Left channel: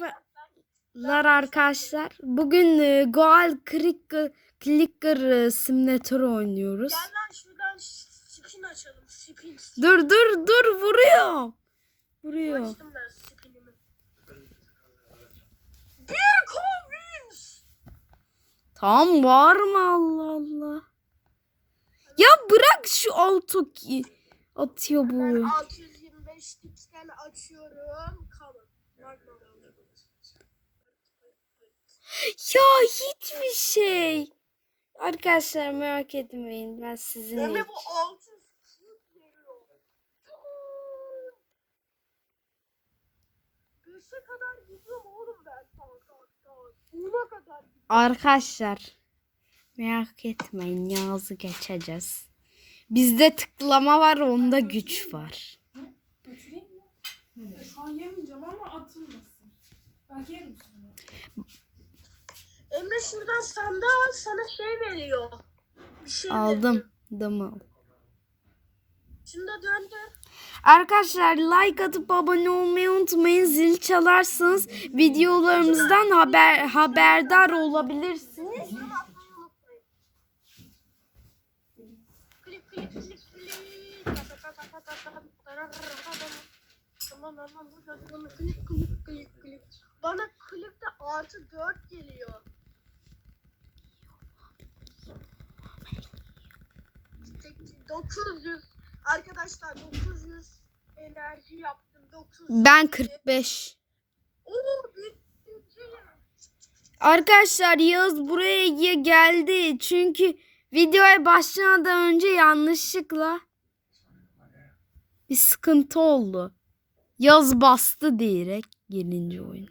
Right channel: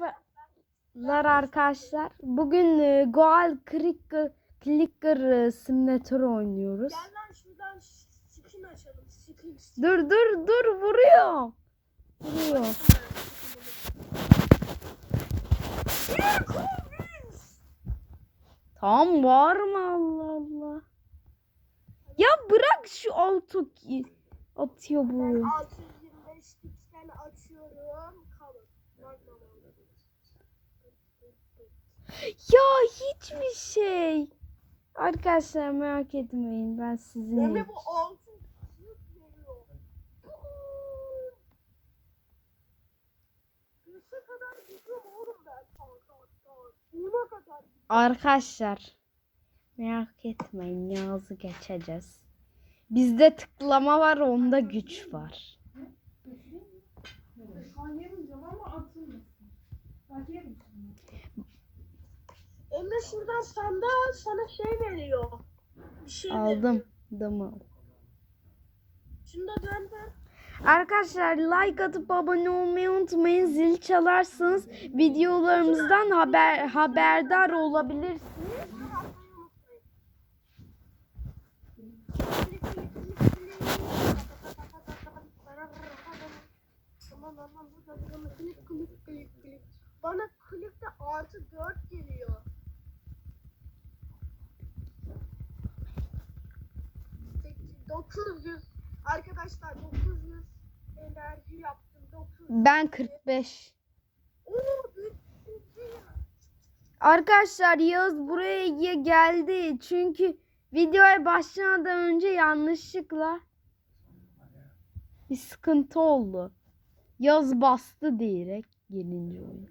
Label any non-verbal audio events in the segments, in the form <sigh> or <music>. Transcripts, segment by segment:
Merhabalar arkadaşlar. Bugün e, Goal Clicker, Clicker e, Simulator oynuyoruz. Gel lan şuradan spin açalım. Spin. Dur dur dur vuruyor. Vuruyor. Tamam var mı Allah Allah. Ya bırak şu ki atıyor Ben bu. 625 X'ten açıyorum. Kalın. Bak bakalım. Ya hiçbir şey. Arkadaşlar merak etmeyin ben sizin Emre bu 600 veriyor. Beşe kadar gidiyorum oğlum ben. Buna kadar gidiyorum. Arkadaşlar merak etmeyin Yağız'ı geçeceğiz. Bizde tıklama var onda güç var. Şu an yemeyeceğim ama atılmasın. Ben yerim. Emre şuradan sandığı al sana şey veriyor. Bir şey. Aldım. Damı. Şunu da döndür. Arkadaşlar like atıp abone olmayı unutmayın. Zil çalarsanız videolarımızdan haber haberdar olabilirsiniz. Tamam, tamam, burada bana klik, klik, klik, klik. Bana klikte artı 4 geliyor. Tek- 900 arkadaşlar 900 enerji yaptım 900 Ben 45. Oo, bitti. Arkadaşlar Yağız buraya ge- geldi. Çünkü videoya başlamadan önce yanlışlıkla bir sıkıntı oldu. Yaz bastı diyerek girince oyuna.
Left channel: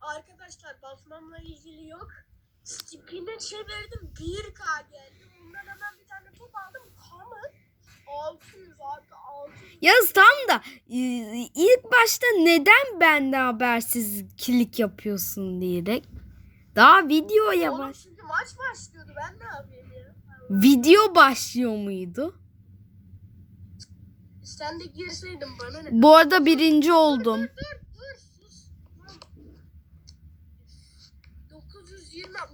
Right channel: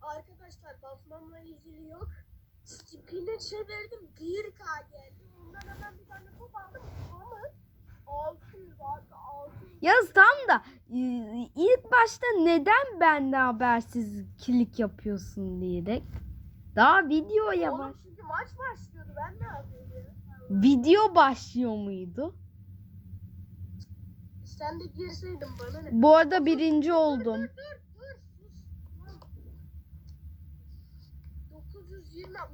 Arkadaşlar basmamla ilgili yok. Spin'e çevirdim 1K geldi. Bundan hemen bir tane top aldım. Tamam. 600 artı 600. Yaz tam da e, ilk başta neden bende habersiz kilik yapıyorsun diyerek. Daha videoya Oğlum baş. çünkü maç başlıyordu. Ben ne yapayım ya? Video başlıyor muydu? Sen de girseydin bana ne? Bu arada birinci oldum. Dur dur sus. Lan. 920 lan.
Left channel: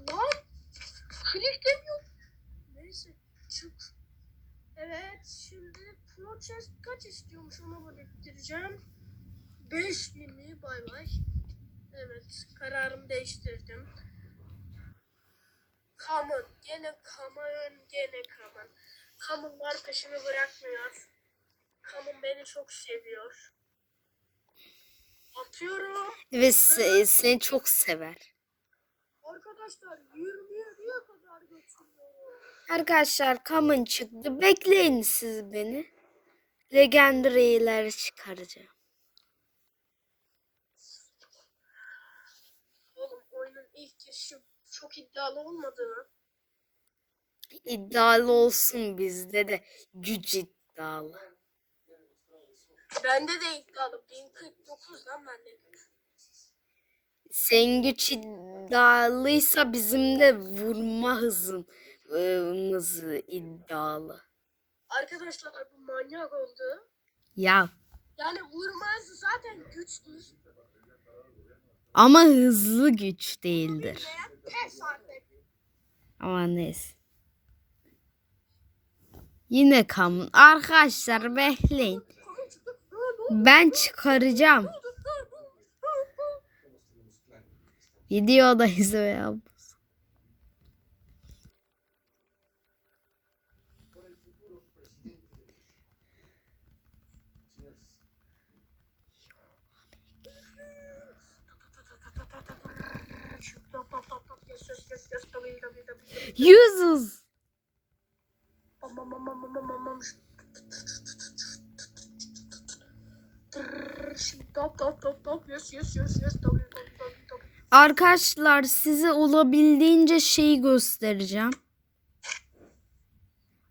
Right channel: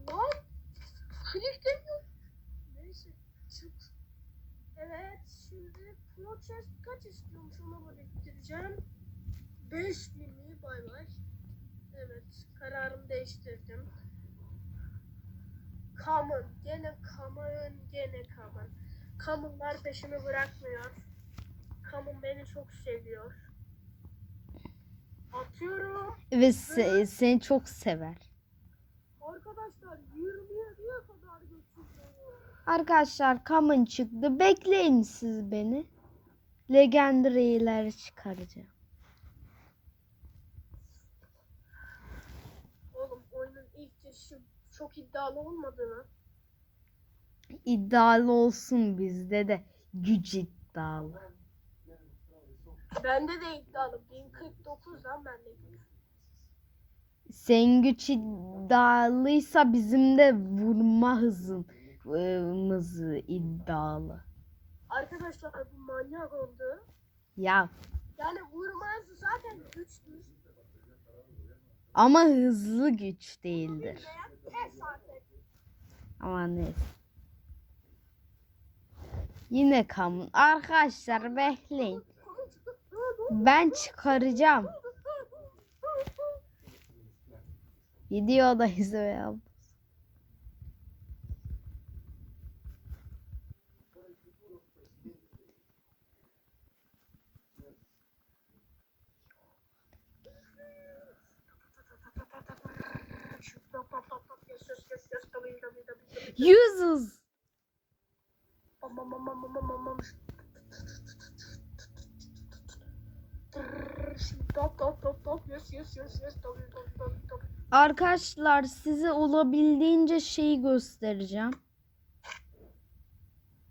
Klik demiyor. Neyse çık. Evet Chest kaç istiyormuş ona biriktireceğim. 5000 mi bay bay. Evet kararımı değiştirdim. Common gene Common gene Common. Common'lar peşimi bırakmıyor. Common beni çok seviyor. Atıyorum. Ve se- seni çok sever. Arkadaşlar 27'ye kadar götürüyor. Arkadaşlar Common çıktı. Bekleyin siz beni. Legendary'leri çıkaracağım. Oğlum oyunun ilk girişi çok iddialı olmadı mı? İddialı olsun bizde de güç iddialı. Bende de iddialı. 1049 lan bende güç. Senin güç iddialıysa bizim de vurma hızımız iddialı. Arkadaşlar bu manyak oldu. Ya Yani vurmaz zaten güçtür. ama hızlı güç değildir. Pes artık. Ama neyse. Yine Common. Arkadaşlar bekleyin. Ben çıkaracağım. Videodayız ya. Top, top, top, top. Yes, yes, yes, yes. Tabii, tabii, tabii. Yüzüz. Bam, bam, bam, bam, bam, bam, bam, bam. Şimdi top, top, top, top. Yes, yes, yes, yes. Tabii, tabii, tabii, tabii. Arkadaşlar size olabildiğince şeyi göstereceğim.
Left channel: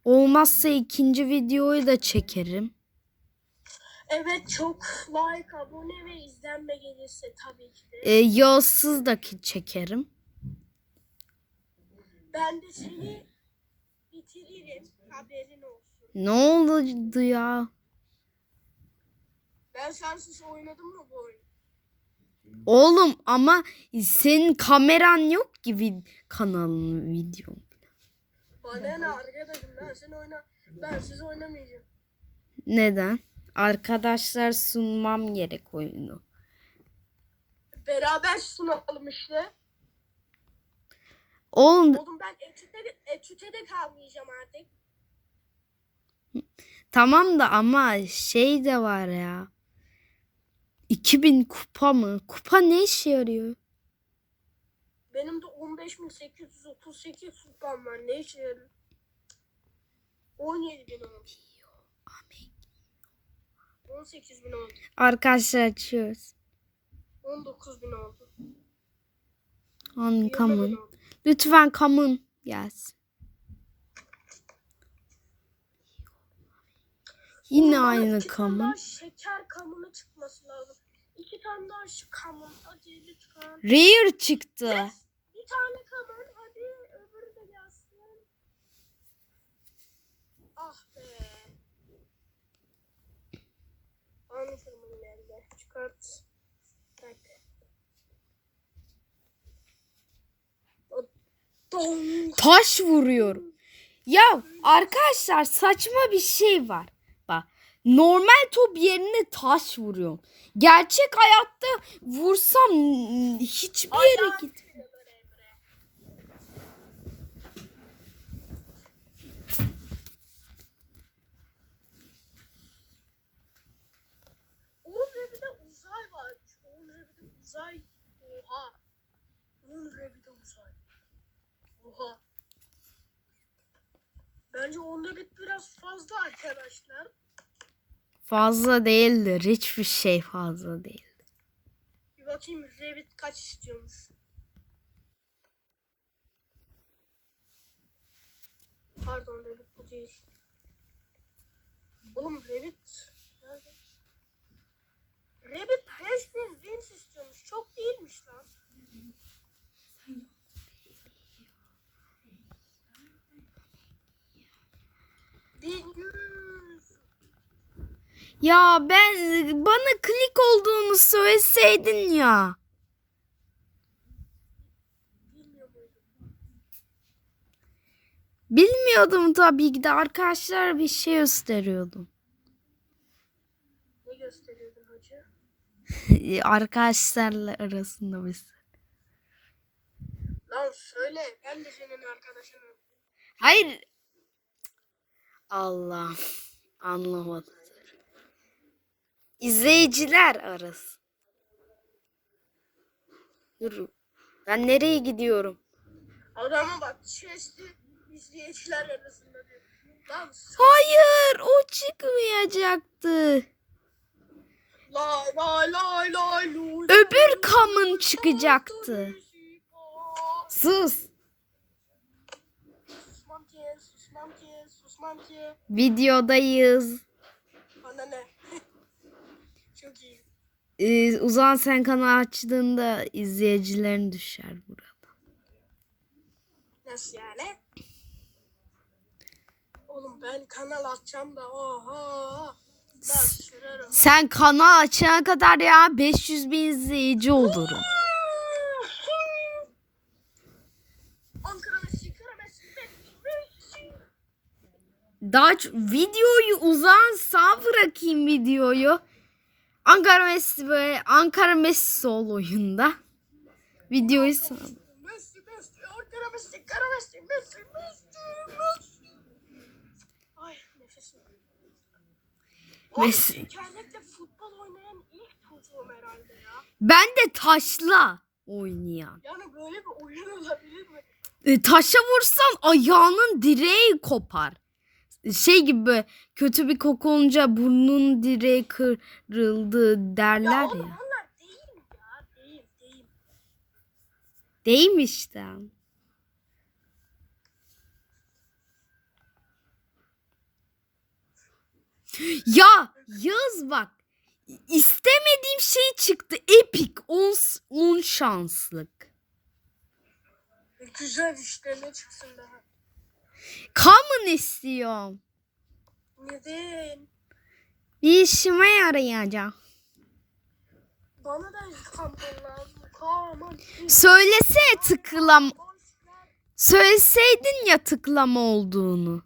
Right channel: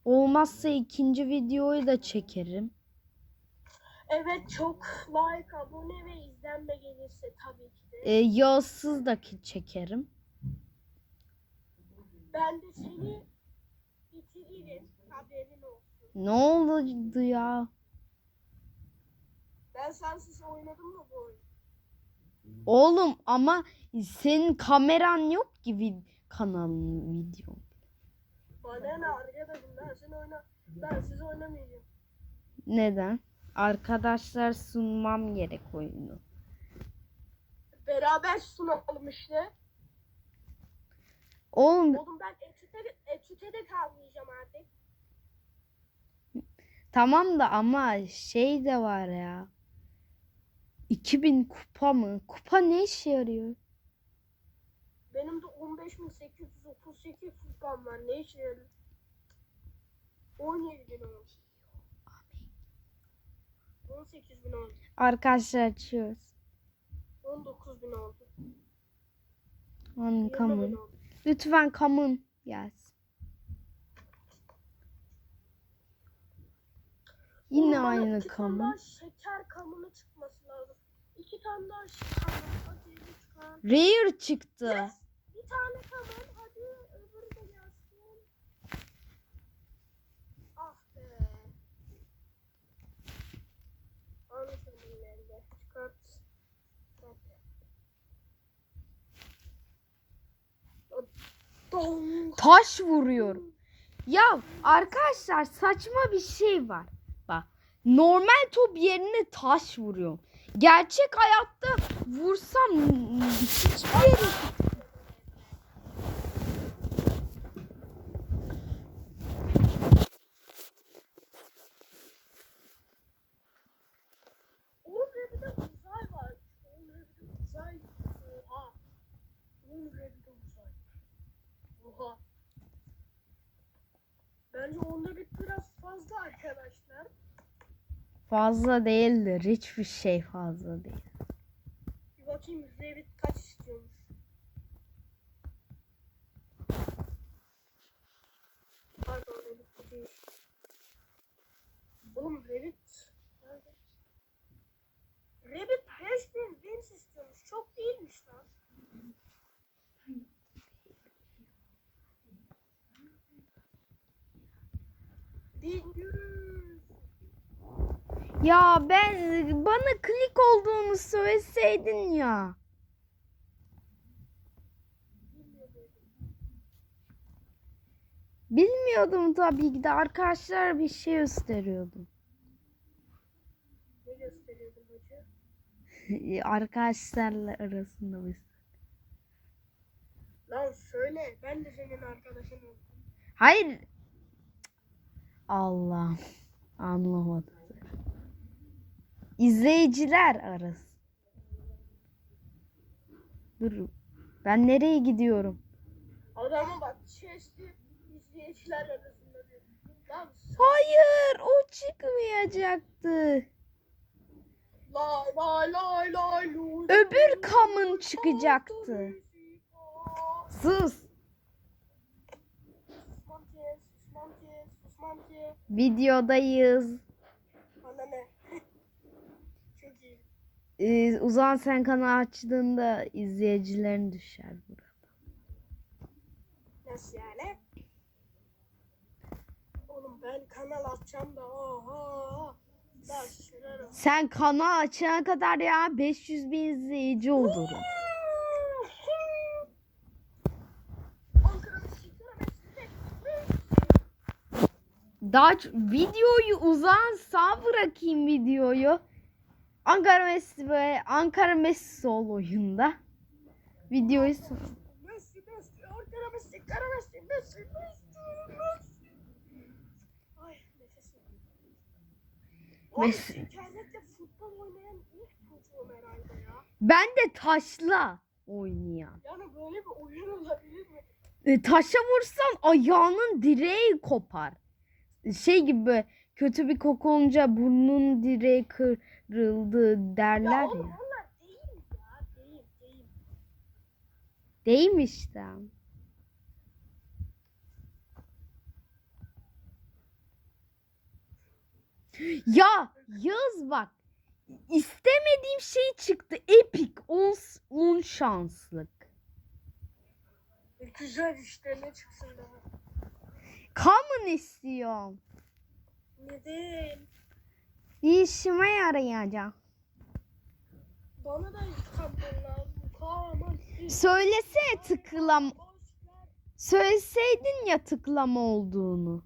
Olmazsa ikinci videoyu da çekerim. Evet çok like, abone ve izlenme gelirse tabii ki de. Ee, yağsız da ki çekerim. Ben de seni bitiririm. Haberin olsun. Ne oldu ya? Ben sensiz oynadım mı bu oyunu? Oğlum ama senin kameran yok ki vid- kanalın videon. Bana ne arkadaşım ben seni oyna ben sizi oynamayacağım. Neden? Arkadaşlar sunmam gerek oyunu. Beraber sunalım işte. Oğlum Oğlum ben etüte, etüte de kalmayacağım artık. tamam da ama şey de var ya. 2000 kupa mı? Kupa ne işe yarıyor? Benim de 15.838 kupam var. Ne işe yarıyor? 17 bin oldu. 18 bin oldu. Arkadaşlar açıyoruz. 19 bin oldu. On 20 bin common. oldu. Lütfen common gelsin. Yine bana aynı iki tane common. daha şeker kamını çıkması lazım. İki tane daha şu kamın. Hadi lütfen. Rare çıktı. Yes. Bir tane kamın. Hadi öbürü de gelsin. Ah be. Anlatırım bunu elde. Çıkart. Tak. O- Dong. Taş vuruyorum. Ya arkadaşlar saçma bir şey var. Bak normal top yerine taş vuruyorum. Gerçek hayatta vursam hiçbir yere var. Uzay. Oha. Onun bir de uzay. Oha. Bence onda bir biraz fazla arkadaşlar. Fazla değildir. Hiçbir şey fazla değil. Bir bakayım Revit kaç istiyormuş. Pardon Revit bu değil. Oğlum Revit nerede? Revit 5000 wins istiyormuş. Çok değilmiş lan. Ya ben bana klik olduğunu söyleseydin ya. Bilmiyordum tabii ki de arkadaşlar bir şey gösteriyordum. Ne gösteriyordun hacı? <laughs> Arkadaşlarla arasında biz. Lan söyle. Ben de senin arkadaşınım. Hayır. Allah anlamadı. İzleyiciler arası. Dur. Ben nereye gidiyorum? Adama bak chest'i izleyiciler arasında diyor. Lan Hayır, o çıkmayacaktı. lay lay lay lay. Öbür kamın çıkacaktı. Sus. Ki. Videodayız. Bana ne? <laughs> Çok iyi. Ee, Uzan sen kanal açtığında izleyicilerin düşer burada. Nasıl yani? Oğlum ben kanal açacağım da oha. Ben sürerim. Sen kanal açana kadar ya 500 bin izleyici olurum. Ankara Messi, Ankara Messi, Messi. Daha videoyu uzan sağ bırakayım videoyu. Ankara Messi böyle Ankara Messi sol oyunda. Videoyu sağ- Messi, Messi, Ankara Messi, Ankara Messi, Messi, Messi, Messi. Ay nefesim. Messi. internette futbol oynayan ilk çocuğum herhalde ya. Ben de taşla oynayan. Yani böyle bir oyun olabilir mi? E, taşa vursan ayağının direği kopar. Şey gibi böyle kötü bir koku olunca burnun direği kırıldı derler Ya ya. oğlum onlar değil ya. Değil, değil. Değil işte? Ya Yağız bak. istemediğim şey çıktı. Epic 10 şanslık. Güzel işte ne çıksın daha. Common istiyorum. Neden? Bir işime yarayacak. Bana da intikam lazım. Kahraman. Söylesene tıklam söyleseydin ya tıklama olduğunu.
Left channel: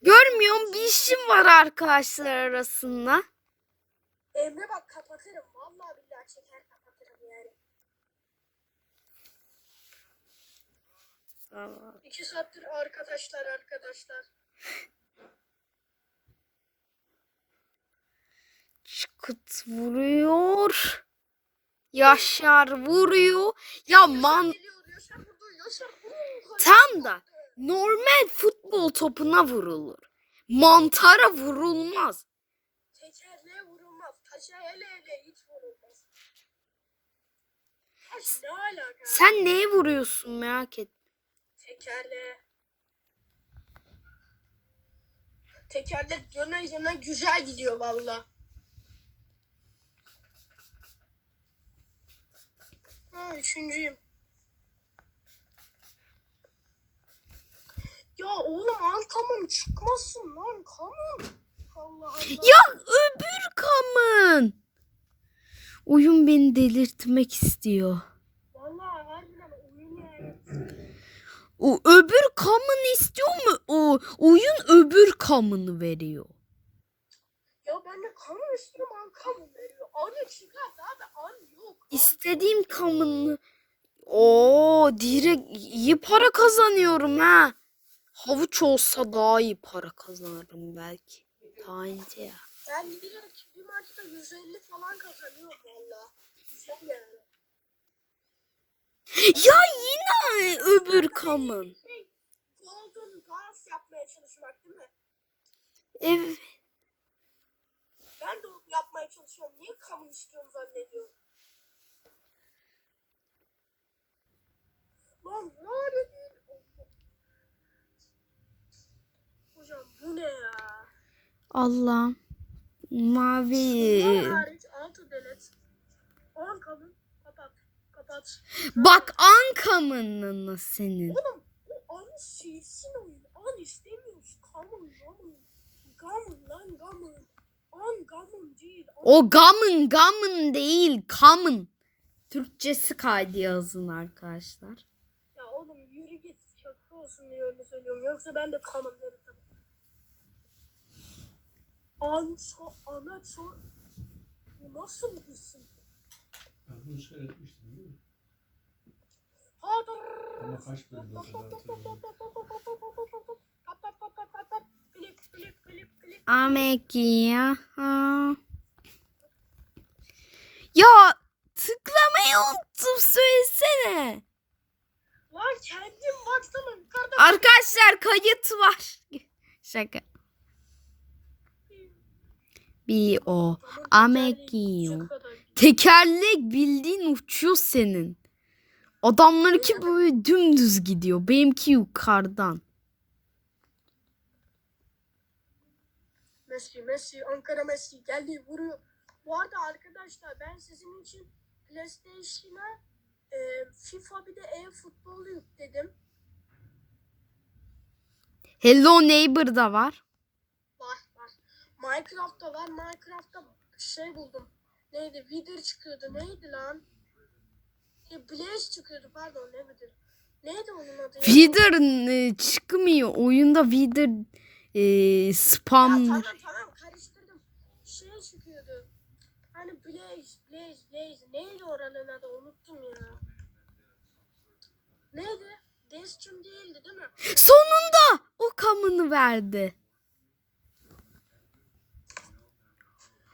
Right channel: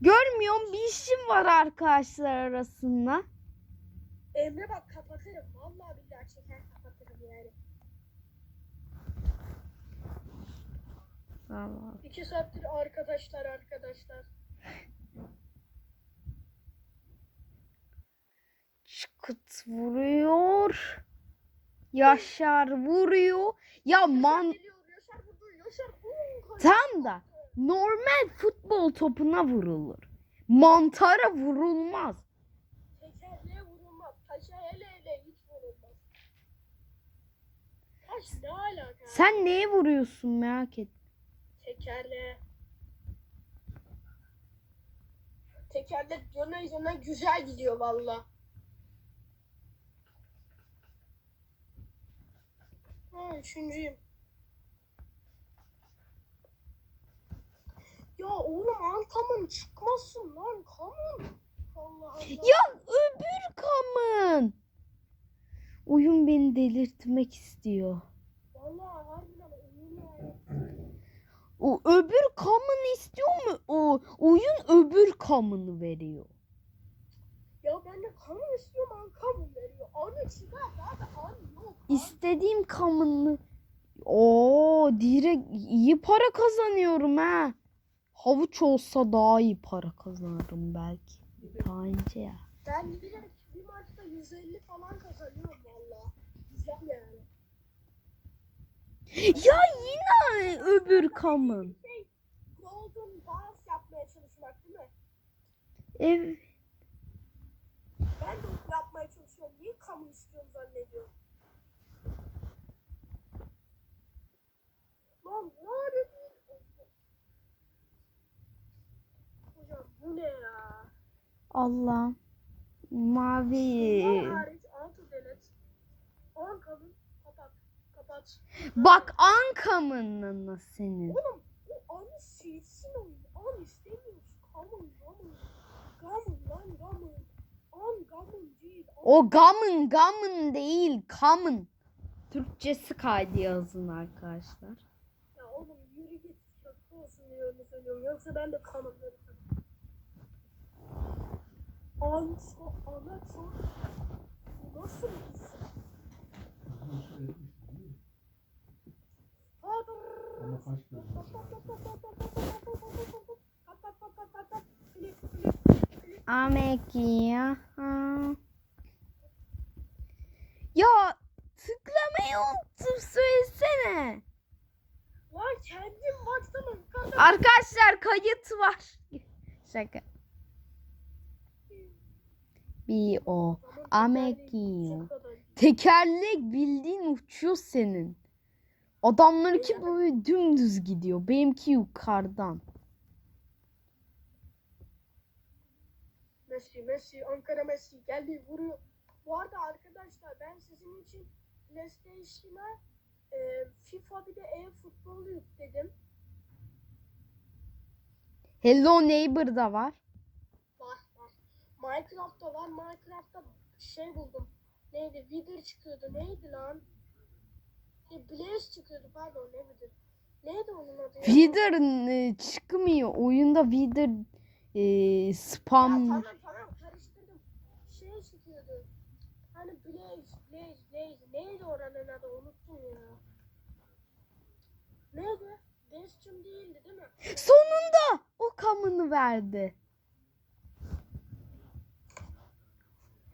Görmüyorum bir işim var arkadaşlar arasında. Emre bak kapatırım. Vallahi billahi çeker kapatırım yani. İki saattir arkadaşlar arkadaşlar. Çıkıt vuruyor. Yaşar vuruyor. Ya man Geliyor Yaşar vurdu. Yaşar vurdu. tam da normal futbol topuna vurulur. Mantara vurulmaz. Tekerleğe vurulmaz. Taşa hele hele hiç vurulmaz. Taş ne alaka? Sen neye vuruyorsun merak et. Tekerleğe. Tekerlek yöne yöne güzel gidiyor valla. Ha üçüncüyüm. Ya oğlum Ankam'ın çıkmasın lan Allah. Ya öbür kamın. Oyun beni delirtmek istiyor. Vallahi harbiden oyun yani. O öbür kamın istiyor mu? O oyun öbür kamını veriyor. Ya ben de kamun istiyorum Ankam'ın veriyor. Anı çıkar abi an yok. An İstediğim kamını. Oo, direkt iyi para kazanıyorum ha. Havuç olsa daha iyi para kazanırım belki. Daha ince ya. Ben direkt bir maçta 150 falan kazanıyorum valla. Güzel yani. Ya yine öbür kamın. Golden Balance yapmaya çalışmak değil mi? Evet. Ben de onu yapmaya çalışıyorum. Niye kamu istiyorum zannediyorum. Lan değil. Hocam bu ne ya? Allah'ım. Mavi. Bunlar hariç altı delet. 10 kamu Kapat. Bak an kamının senin. Oğlum o anı silsin oyunu. An istemiyoruz. Kamun gamun. Gamun lan gamun. An gamun değil. An O gamın gamın değil kamın. Türkçesi kaydı yazın arkadaşlar. Ya oğlum yürü git şaka olsun diye öyle söylüyorum. Yoksa ben de kanım derim. An so ana so Bu nasıl bir isim? Ben bunu şöyle etmiştim değil mi? Hadır. Ama kaç bölüm ya. Tıklamayı unuttum söylesene. Lan kendim baksana yukarıda. Arkadaşlar kayıt var. <laughs> Şaka. Bir o. Amekio. Tekerlek bildiğin uçuyor senin. Adamlarınki böyle dümdüz gidiyor. Benimki yukarıdan. Messi, Messi, Ankara Messi geldi vuruyor. Bu arada arkadaşlar ben sizin için PlayStation'a e, FIFA bir de e-futbolu yükledim. Hello Neighbor da var. Var var. Minecraft'ta var. Minecraft'ta şey buldum. Neydi? Wither çıkıyordu. Neydi lan? Ya Blaze çıkıyordu pardon ne Wither. Neydi onun adı? ya? Wither e, çıkmıyor. Oyunda Wither e, Ya spam. tamam tamam karıştırdım. Şey çıkıyordu. Hani Blaze, Blaze, Blaze. Neydi oranın adı? Unuttum ya. Neydi? Destiny değildi değil mi? Sonunda o kamını verdi.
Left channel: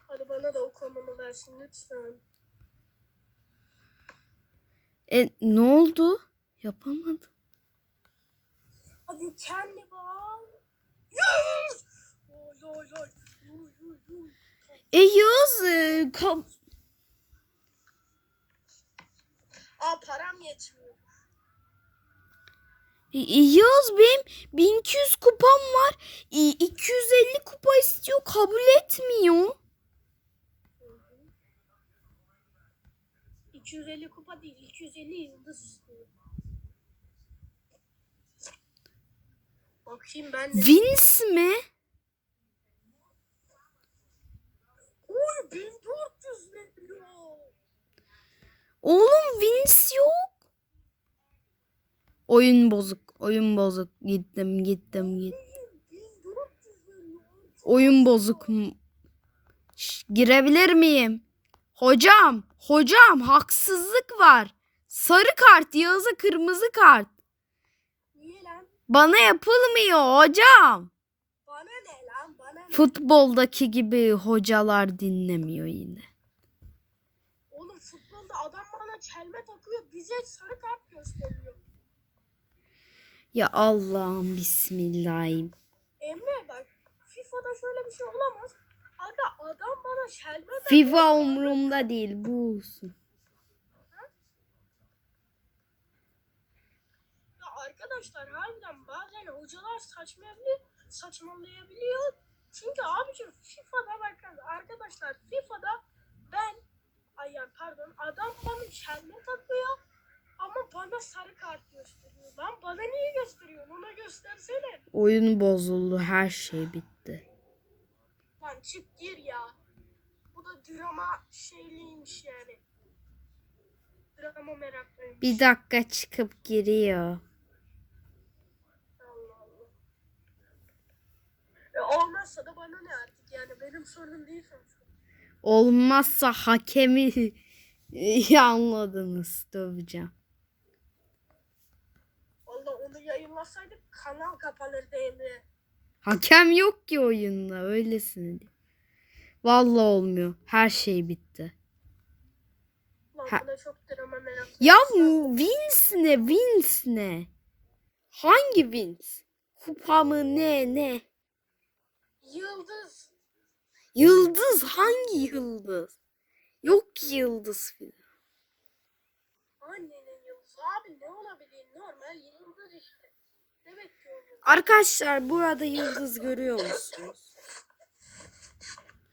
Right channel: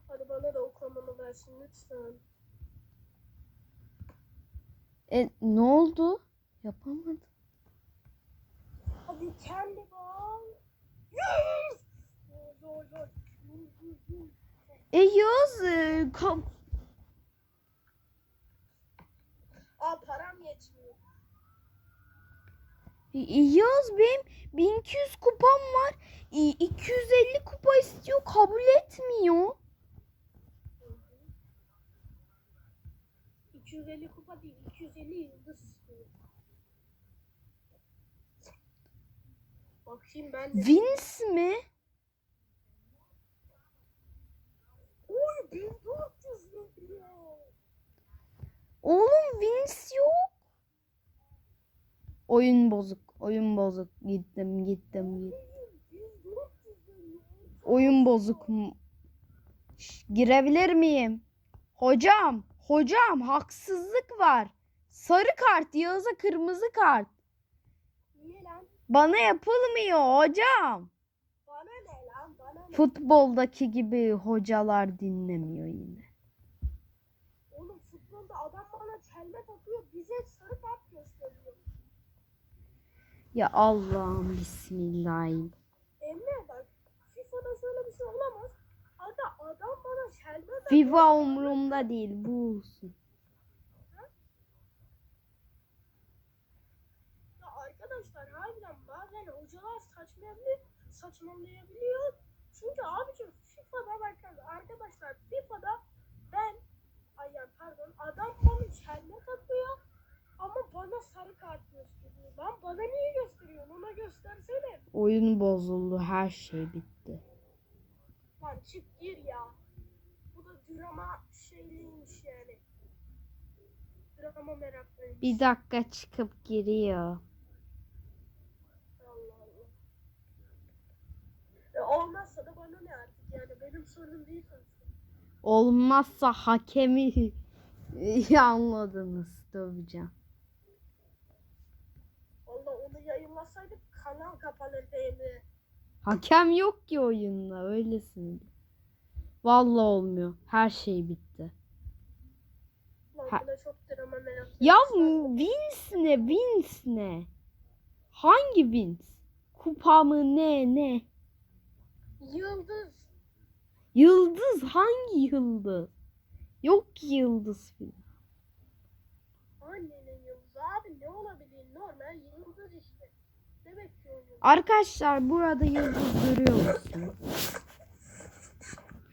Hadi bana da o konumu versin lütfen. E ne oldu? Yapamadım. Hadi kendi oy, oy. E Yağız e, ka- Aa param yetmiyor. e, Yağız benim 1200 kupam var. E, 250 kupa istiyor kabul etmiyor. 250 kupa değil, 250 yılda sustum. Bakayım ben de. Vince mi? Oy 1400 milyon. Oğlum Vince yok. Oyun bozuk, oyun bozuk. Gittim, gittim, gittim. Oyun bozuk. Şş, girebilir miyim? Hocam hocam haksızlık var. Sarı kart, Yağız'a kırmızı kart. Niye lan? Bana yapılmıyor hocam. Bana ne lan? Bana ne? Futboldaki gibi hocalar dinlemiyor yine. Oğlum futbolda adam bana çelme takıyor. Bize sarı kart gösteriyor. Ya Allah'ım bismillahim. Emre bak FIFA'da şöyle bir şey olamaz. Aga adam bana takıyor. FIFA umurumda değil bu olsun. Ya arkadaşlar harbiden bazen hocalar saçmalayabiliyor, saçmalayabiliyor. Çünkü abicim FIFA'da bakın arkadaşlar FIFA'da ben ay ya pardon adam bana çelme takıyor ama bana sarı kart gösteriyor. Lan bana niye gösteriyor? Ona göstersene. Oyun bozuldu, her şey bitti. Lan çık gir ya. Bu da drama şeyliymiş yani. Drama meraklıymış. Bir dakika çıkıp giriyor. Allah Allah. E olmazsa da bana ne artık yani benim sorunum değil sonuçta. Olmazsa hakemi iyi <laughs> anladınız döveceğim. Valla onu yayınlasaydık kanal kapanırdı Emre. Hakem yok ki oyunda öylesine. Vallahi olmuyor. Her şey bitti. Ha. Ya Vince ne? Vince ne? Hangi Vince? Kupa mı ne ne? Yıldız. Yıldız hangi yıldız? Yok ki yıldız filan. Annenin yıldızı abi ne olabilir? Normal yıldız işte. Ne bekliyorsun? Arkadaşlar burada yıldız görüyor musunuz?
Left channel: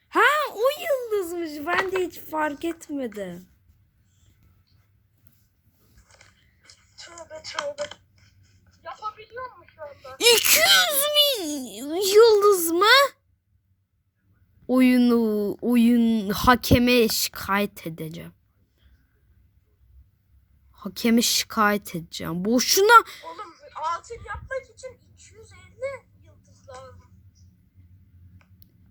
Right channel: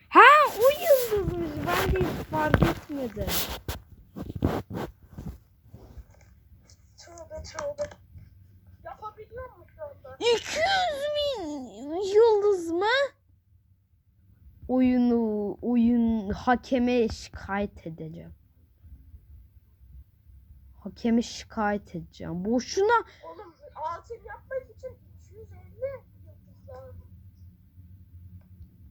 Ha o yıldızmış. Ben de hiç fark etmedim. Tövbe tövbe. Yapabiliyor mu şu anda? 200 bin yıldız mı? Oyunu oyun hakeme şikayet edeceğim. Hakeme şikayet edeceğim. Boşuna Oğlum altın yapmak için 250 yıldız lazım.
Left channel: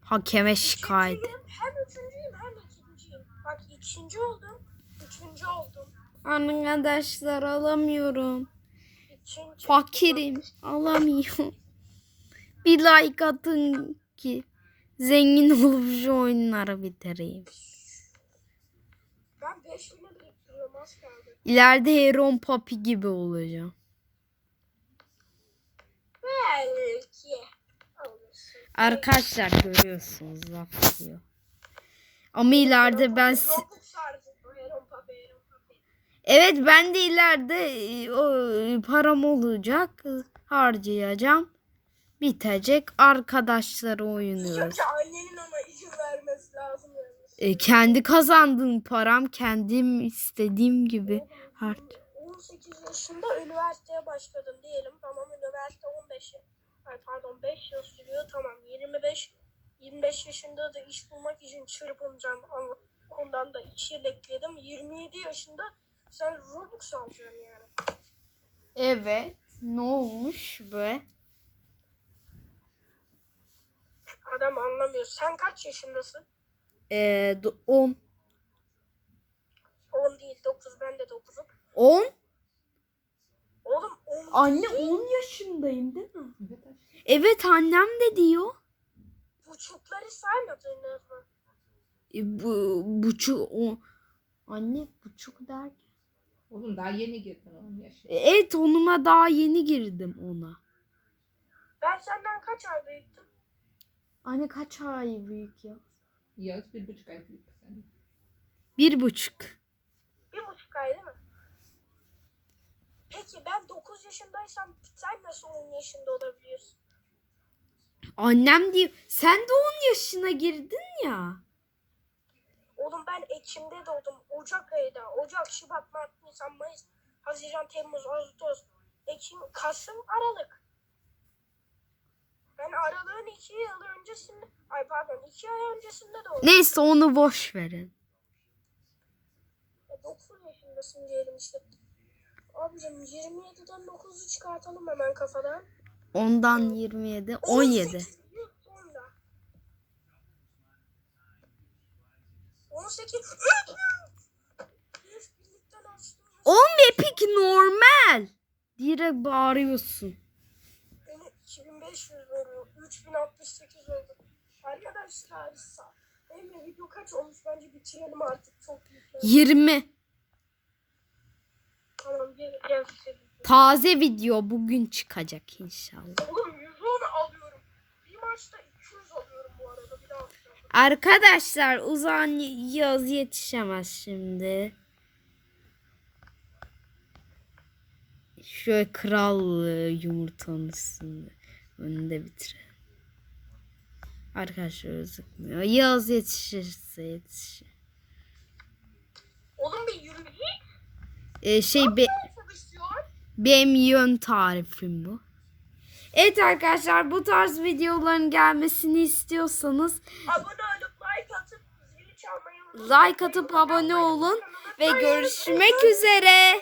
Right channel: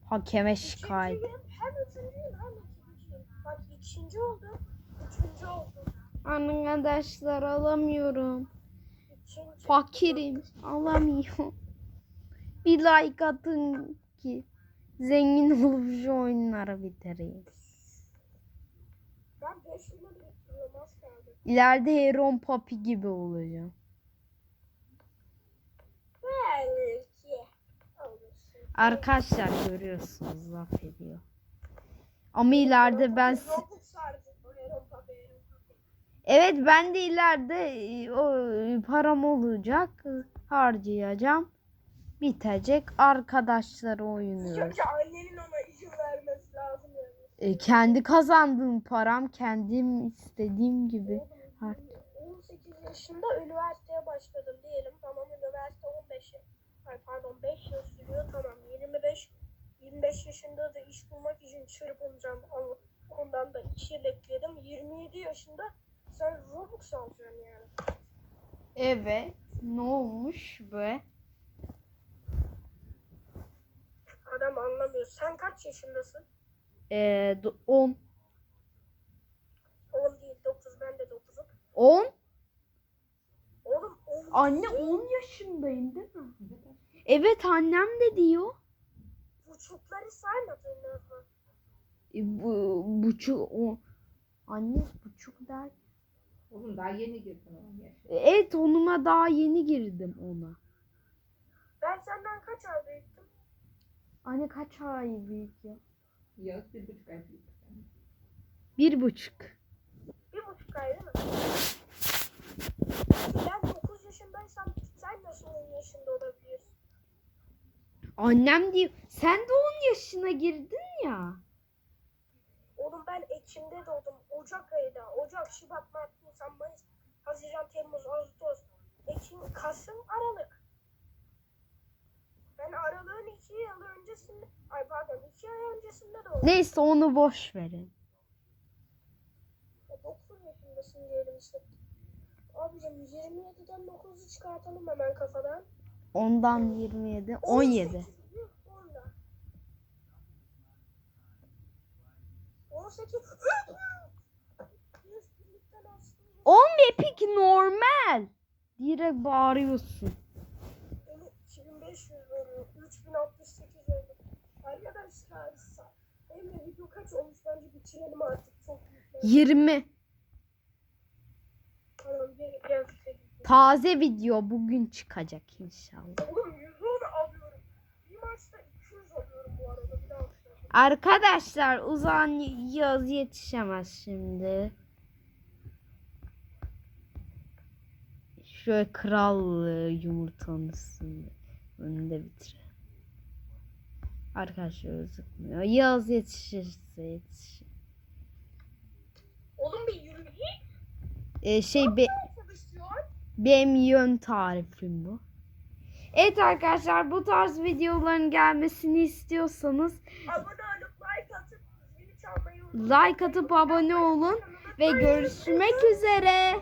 hakeme şikayet. İkinciyim, hem üçüncüyüm hem ikinciyim. Bak ikinci oldum. Üçüncü oldum. Arkadaşlar alamıyorum. İkinci. Fakirim. Alamıyorum. Bir like atın ki zengin olup şu oyunları bitireyim. Ben 5 lira biriktiriyorum az kaldı. İleride Heron Papi gibi olacağım. Belki. Arkadaşlar görüyorsunuz laf diyor. Ama ileride ben evet ben de ileride e, o e, param olacak e, harcayacağım. Bitecek arkadaşlar oynuyoruz. Annenin ama izin vermesi lazım. E, kendi kazandığım param kendim istediğim gibi hart. 18 yaşında üniversiteye başladım diyelim. Tamam üniversite 15 yıl. Ay pardon 5 yıl sürüyor. Tamam 25 25 yaşında da iş bulmak için çırpınacağım. Ama ondan da 2 yıl ekledim. 27 yaşında sen Robux alacaksın yani. Evet. Ne olmuş be? Adam anlamıyor. Sen kaç yaşındasın? Ee, 10. 10 değil 9 ben de 9'um. 10? 10 Anne 10 yaşındayım değil mi? Evet annem de diyor. buçukları saymadınız mı? E, bu buçuk o anne buçuk der. Oğlum daha yeni girdin onun yaşına. Evet onuma daha yeni girdim ona. Ben senden kaç ay büyüktüm? Anne kaç ay büyük ya? Yağız bir buçuk ay büyük. Bir buçuk. Bir buçuk ay değil mi? Peki ben 9 yaşındaysam sen nasıl 10 yaşında olabiliyorsun? Annem diyor sen de 10 yaşına girdin ya. Oğlum ben Ekim'de doğdum. Ocak ayında. Ocak, Şubat, Mart, Nisan, Mayıs, Haziran, Temmuz, Ağustos, Ekim, Kasım, Aralık. Ben Aralık'ın 2 yıl öncesinde, ay pardon 2 ay öncesinde doğdum. Neyse onu boş verin. E, 9 yaşındayım. çıkmasın diyelim işte. Abicim 27'den 9'u çıkartalım hemen kafadan. Ondan 27, 17. 18 yıl sonra. 18 Biz birlikten açtığımız 11 pik normal. Direkt bağırıyorsun. beni 2500 veriyor. 3068 oldu. Arkadaşlar Emre video kaç olmuş bence bitirelim artık. Çok büyük. 20. Tamam gel gel. gel. Taze video bugün çıkacak inşallah. Oğlum 110 alıyorum. Bir maçta 200 alıyorum bu arada. Bir daha. Arkadaşlar uzan yaz yetişemez şimdi. Şöyle kral e, yumurtanın üstünde. Önünde bitirelim. Arkadaşlar gözükmüyor. Yaz yetişirse yetişir. Oğlum bir yürü. E, şey be, benim yön tarifim bu. Evet arkadaşlar bu tarz videoların gelmesini istiyorsanız Abone olup like atıp zili çalmayı unutmayın. like atıp abone olun ve görüşmek üzere.